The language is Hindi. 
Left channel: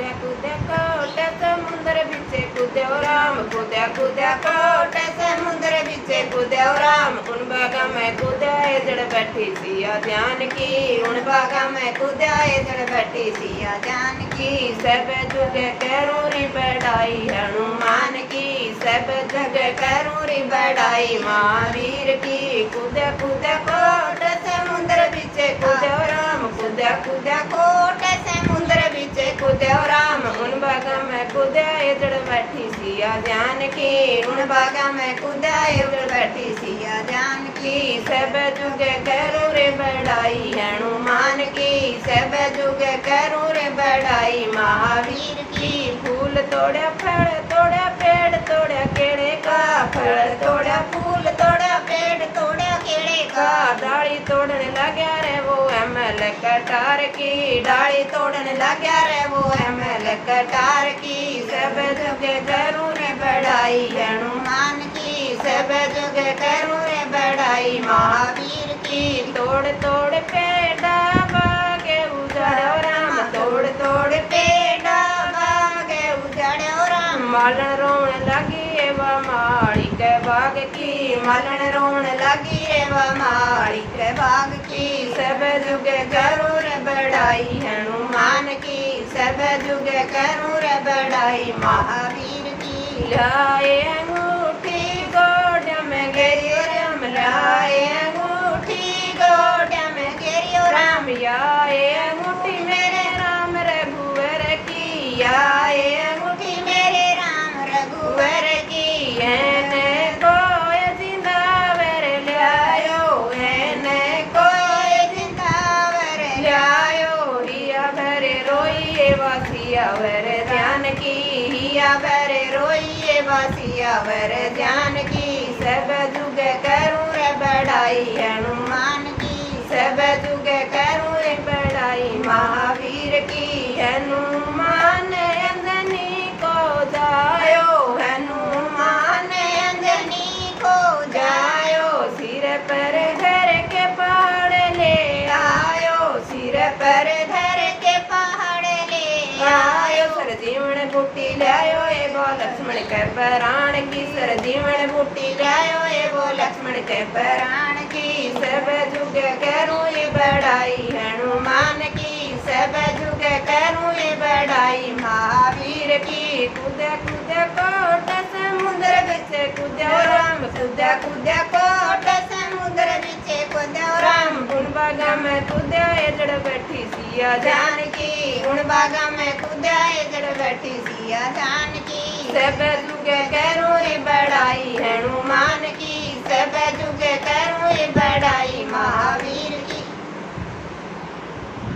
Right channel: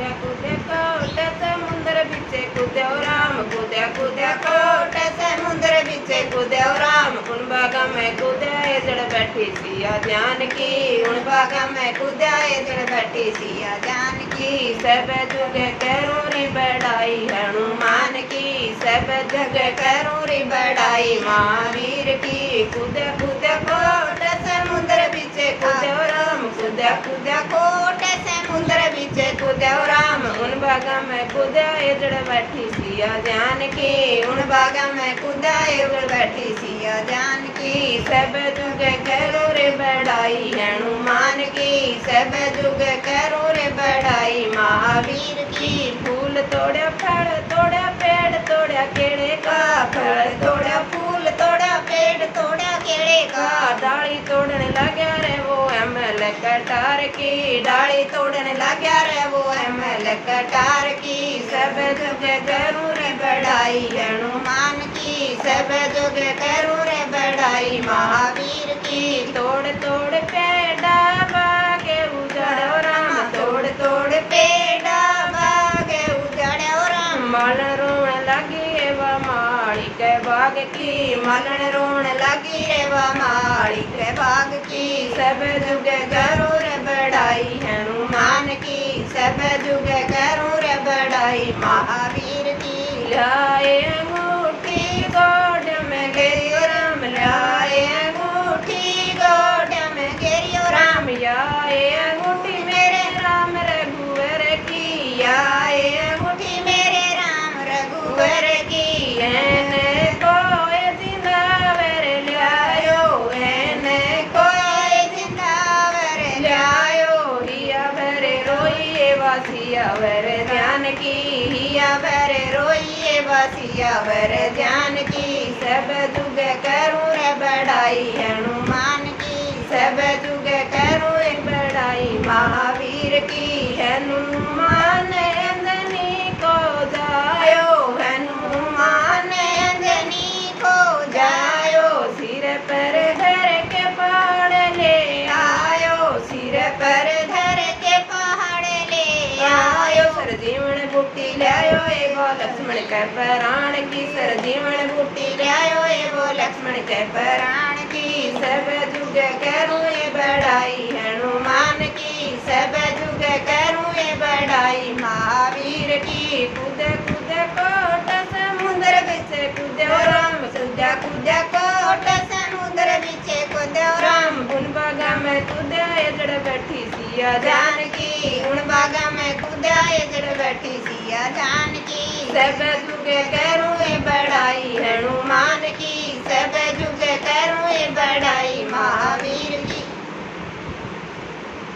कूद्या कूद्या कोट समुंदर बिचे कूद्या राम कूद्या कूद्या कोट समुंदर बिचे कूद्या राम उन बागा में कूद्या जड़ बैठी सिया जानकी उन बागा में कूद्या जड़ बैठी सिया जानकी सब जुगे करूं री बड़ाई हनुमान की सब जगह करूं री बड़ाई महावीर की कूद्या कूद्या कोट समुंदर बिचे कूद्या राम कूद्या कूद्या कोट समुंदर बिचे कूद्या राम उन बागा में कूद्या जड़ बैठी सिया जानकी उन बागा में कूद्या जड़ बैठी सिया जानकी सब जुगे करो रे बड़ाई हनुमान की सब जुगे करो रे बड़ाई महावीर की फूल तोड़ा फल तोड़ा पेड़ तोड़ा केड़े का फल तोड़ा फूल तोड़ा पेड़ तोड़ा केड़े का डाली तोड़ने लगा रे वो एमएल कटार की डाली तोड़ने लगा रे वो एमएल कटार की सब जुगे करो रे बड़ाई हनुमान की सब जुगे करो रे बड़ाई महावीर की तोड़ तोड़ पेड़ा बागे उजाड़ो राम तोड़ तोड़ पेड़ा बागे उजाड़ो राम मालन रोने लगी वा माड़ी के बाग की मालन रोने लगी रे वा माड़ी के बाग की सब जुगे करो रे बड़ाई हनुमान की सब जुगे करो रे बड़ाई महावीर की लाए अंगूठी गोड में घेरियो राम लाए अंगूठी गोड में घेरियो राम आए अंगूठी मेरे राम रघुवर की आए अंगूठी मेरे राम रघुवर की एने कोई जिंदावर लायो एने कोई जिंदावर लायो हिया भरे रोइए वासिया वर ध्यान की हिया भरे रोइए वासिया वर ध्यान की सब जुगे करूं रे बड़ाई हनुमान की सब जुगे करूं रे बड़ाई महावीर की हनुमान अंजनी को जायो हनुमान अंजनी को जायो सिर पर धर के पहाड़ ले आयो सिर पर धर के पहाड़ ले आयो सर जीवन बूटी लायो एगो लक्ष्मण के प्राण की सर जीवन बूटी लायो एगो लक्ष्मण के प्राण की सब जुगे करूं ये बड़ाई हनुमान की सब जुगे करूं ये बड़ाई महावीर की कूदे कूदे कोट समुद्र बिचे कूदे राम कूदे कूदे कोट समुद्र बिचे कूदे राम उन बागा में कूदे जड़ बैठी सिया जानकी उन बागा में कूदे जड़ बैठी सिया जानकी सब